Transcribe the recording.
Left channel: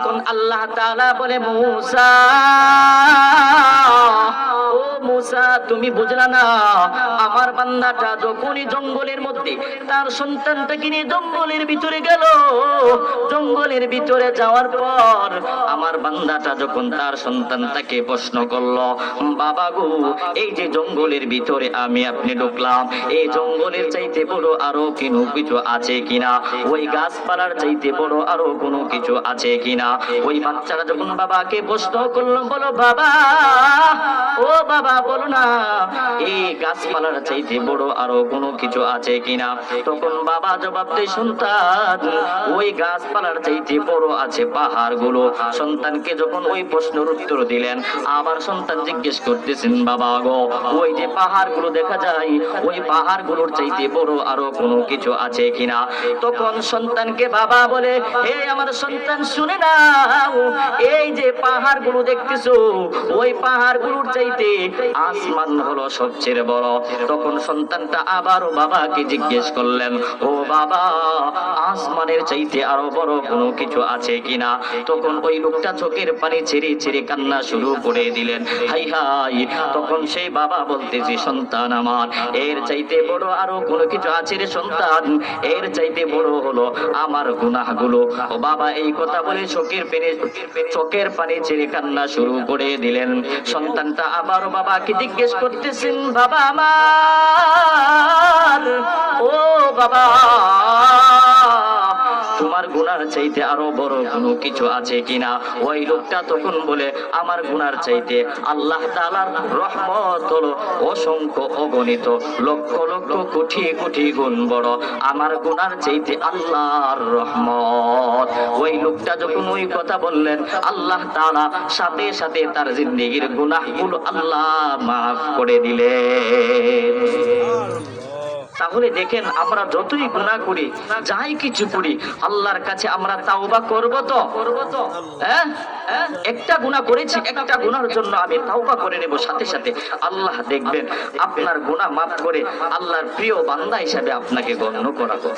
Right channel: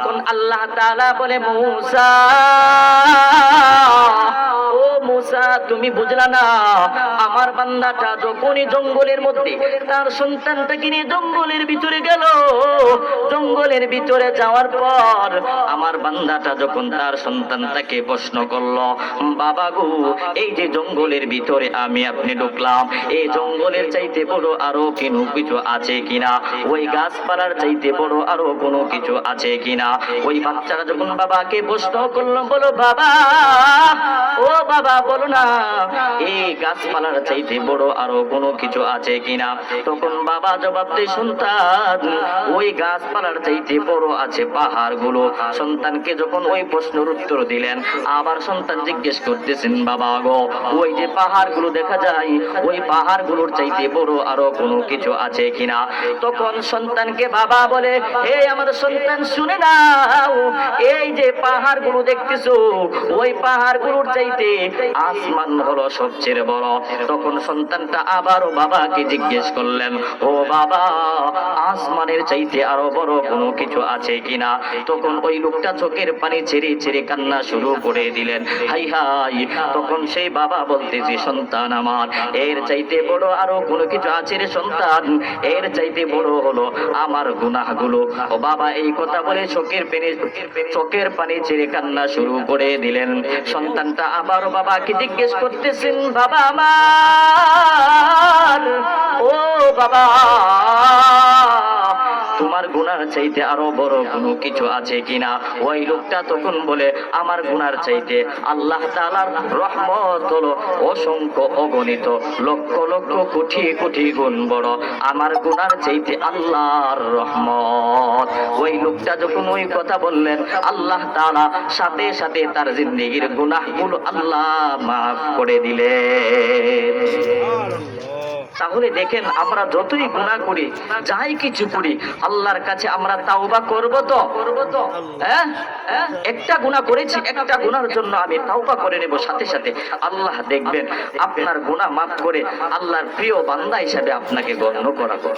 তখন আল্লাহ তাআলা বলে, মূসা ও মূসা, তুমি বুঝলা না, আমার বান্দাটা যখনই জঙ্গলের মধ্যে তার সন্তানটাকে নিয়ে জঙ্গলের ভিতরে গেল, জঙ্গলের ভিতরে যাওয়ার পর আমার বান্দাটা যখন তার সন্তানটাকে প্রশ্ন করলো, বাবা গো, এই যে জঙ্গলের ভিতরে আমি আপনি ঢুকলাম, এই জঙ্গলের চাইতে বড় আরো কোনো কিছু আছে কিনা, ওই গাছপালার চাইতে বড় আরো কোনো কিছু আছে কিনা? ওই বাচ্চারা যখন বাবাকে প্রশ্ন করলো, বলো বাবা, ও বাবা বলো না, এই গাছপালার চাইতে বড় আরো কোনো কিছু আছে কিনা? তখন বাবা জবাব দেয়, সন্তান, ওই গাছপালার চাইতে বড় আছে পাহাড়গুলো। সন্তানকে যখন ওই প্রশ্নের উত্তর দিলেন, আবার সন্তান জিজ্ঞেস করতেছেন, বাবা গো, ওই যে পাহাড়গুলো দেখা যায়, ওই পাহাড়গুলোর চাইতে বড় আরো কোনো কিছু আছে কিনা? তখন সন্তানকে বাবা বলে, হে আমার সন্তান, শুনে নাও, এই যে পাহাড়গুলো দেখতেছো, ওই পাহাড়গুলোর চাইতে আসমান হলো সবচেয়ে বড়। তখন সন্তানটা আবারও বাবাকে জিজ্ঞেস করলেন, ও বাবা, আসমানের চাইতে আরো বড় কোনো কিছু আছে কিনা? তখন ওই লোকটা চোখের পানি ছেড়ে ছেড়ে কান্না শুরু করে দিলেন, হাই হাই। তখন সেই বাবা বলতেছে, সন্তান আমার, এর চাইতে বড় আরো কোনো কিছু আছে রে সন্তান, এর চাইতে বড় হলো আমার গুনাহগুলো। ও বাবা এই কথা বলে চোখের পানি ছেড়ে কান্না শুরু করে দিলেন। সন্তানটা আবার বাবাকে জিজ্ঞেস করতেছেন, বাবা আমার, ও বাবা, তোমার গুনার চাইতে আরো বড় কোনো কিছু আছে কিনা? ওই লোকটা তখন বলে, আমার গুনার চাইতে আল্লাহ তাআলার রহমত হলো অসংখ্য অগণিত লক্ষ লক্ষ কোটি কোটি গুণ বড়, আমার গুনার চাইতে আল্লাহর রহমত। ওই লোকটা যখন ওই কথা বললেন, আল্লাহ তাআলা সাথে সাথে তার জিন্দেগীর গুনাহগুলো আল্লাহ মাফ করে দিলেন। তাহলে দেখেন, আমরা যতই গুনাহ করি, যাই কিছু করি, আল্লাহর কাছে আমরা তাওবা করব তো? হ্যাঁ, একটা গুনাহ করেছি, একটা গুনার জন্য আমি তাওবা করে নেব, সাথে সাথে আল্লাহ দেখবেন আপনার গুনাহ মাফ করে আল্লাহর প্রিয় বান্দা হিসেবে আপনাকে গণ্য করাবো।